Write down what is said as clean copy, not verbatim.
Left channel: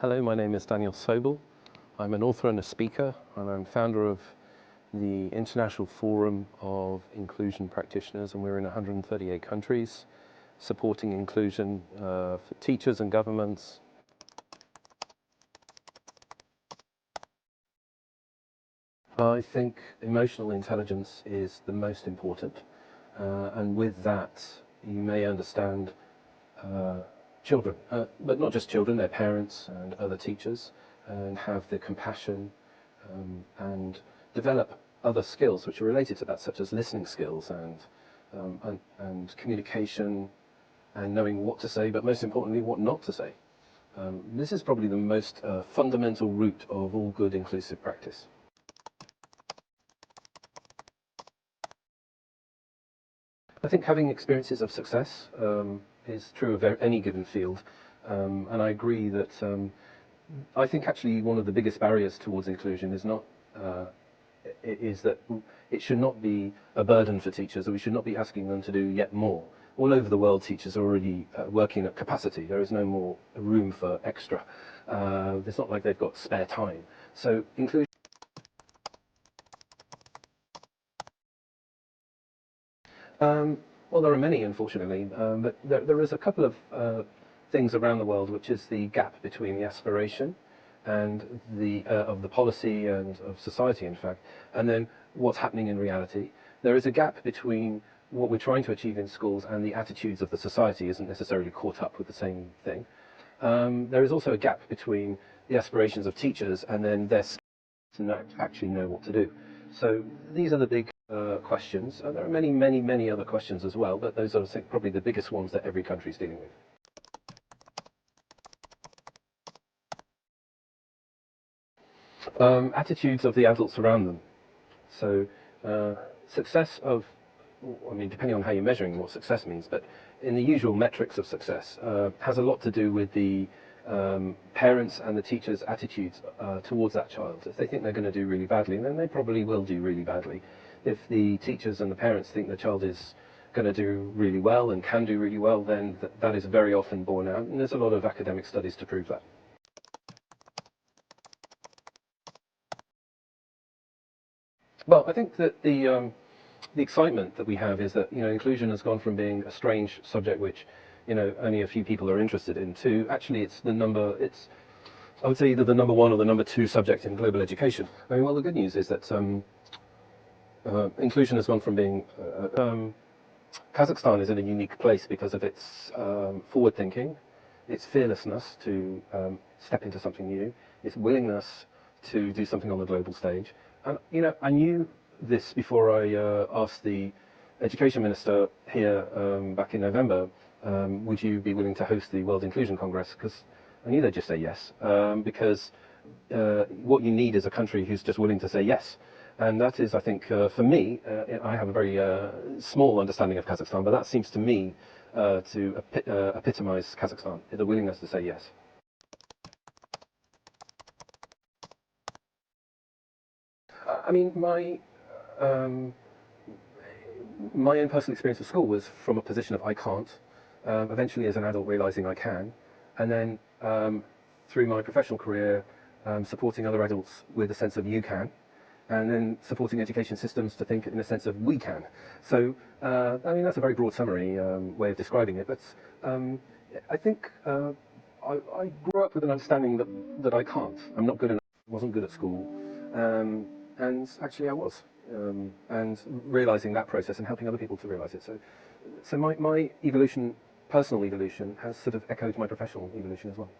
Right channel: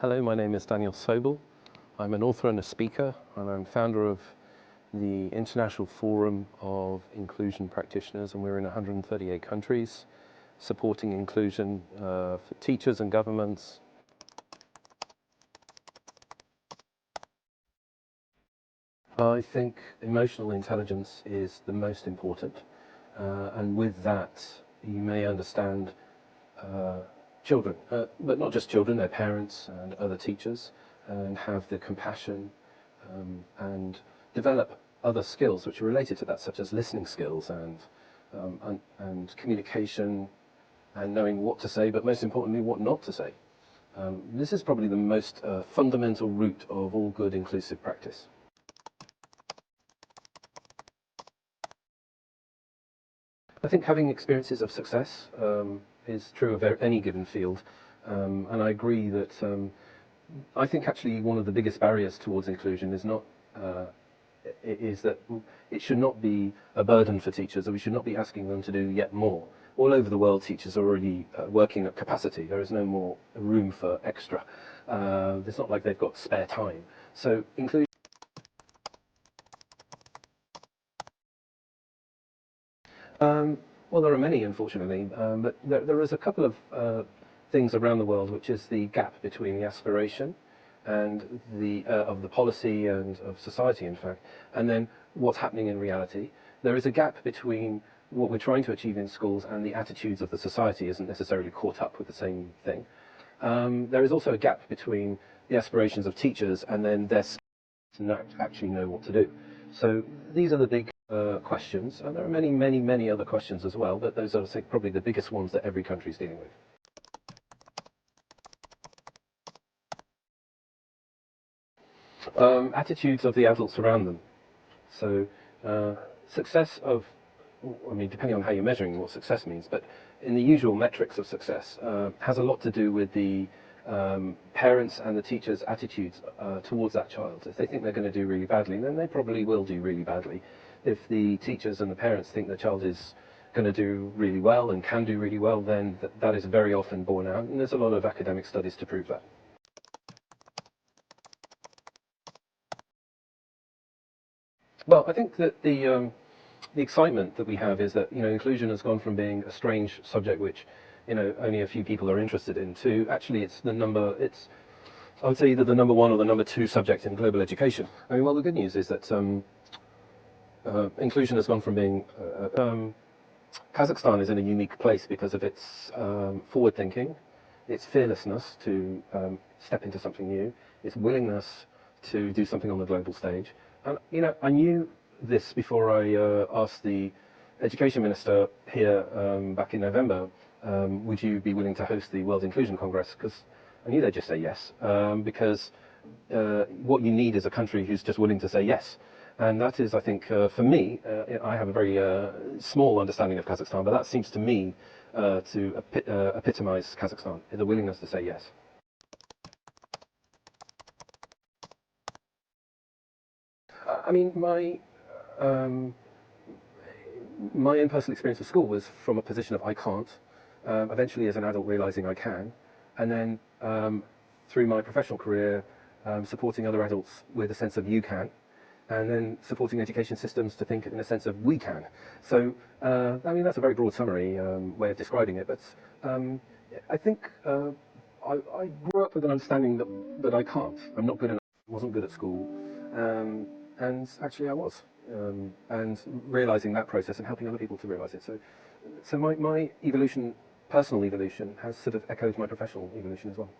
Hello, my name is Danιέλ Sobel. I'm an author and a speaker, and I'm founder of the International Forum of Inclusion Practitioners, and we're in 138 countries, supporting inclusion for teachers and governments. I think emotional intelligence is the most important, and with that you may understand children, but not just children, their parents and other teachers, and have the compassion and develop other skills which are related to that, such as listening skills and communication and knowing what to say, but most importantly, what not to say. This is probably the most fundamental root of all good inclusive practice. I think having experiences of success is true of any given field, and I agree that I think actually one of the biggest barriers towards inclusion is that it should not be a burden for teachers, or we should not be asking them to do yet more. All over the world, teachers are already working at capacity. There is no more room for extra. It's not like they've got spare time. So inclusion. Well, there are many, unfortunately, but there is a couple of things around the world, which is the gap between the aspiration and of the policy and of society, in fact, and then what's happening in reality. There is a gap between what we're trying to achieve in schools and the attitudes of the society isn't necessarily caught up with the same thing. There is also a gap between the aspirations of teachers and then their skills to actually know what to do. So these are the big questions. There are many other questions as well, but those are, I think, probably the biggest ones that every country is dealing with. Attitudes of the adults around them. So success of, I mean, depending on how you're measuring what success means, but in the usual metrics of success has a lot to do with the parents and the teachers' attitudes towards that child. If they think they're going to do really badly, then they probably will do really badly. If the teachers and the parents think the child is going to do really well and can do really well, then that is very often borne out, and there's a lot of academic studies to prove that. Well, I think that the excitement that we have is that, you know, inclusion has gone from being a strange subject which, you know, only a few people are interested in, to actually I would say either the number one or the number two subject in global education. I mean, well, the good news is that inclusion has gone from being Kazakhstan is in a unique place because of its forward thinking, its fearlessness to step into something new, its willingness to do something on the global stage. And, you know, I knew this before I asked the education minister here back in November, would you be willing to host the World Inclusion Congress? Because I knew they'd just say yes, because what you need is a country who's just willing to say yes. And that is, I think, for me, I have a very small understanding of Kazakhstan, but that seems to me to epitomize Kazakhstan, the willingness to say yes. I mean, my own personal experience of school was from a position of I can't, eventually as an adult realizing I can, and then through my professional career supporting other adults with a sense of you can, and then supporting education systems to think in a sense of we can. So, I mean, that's a very broad summary way of describing it, but I think I grew up with an understanding that I can't. I'm not good enough, wasn't good at school, and actually I was. And realizing that process and helping other people to realize it. So my evolution, personal evolution, has sort of echoed my professional evolution as well.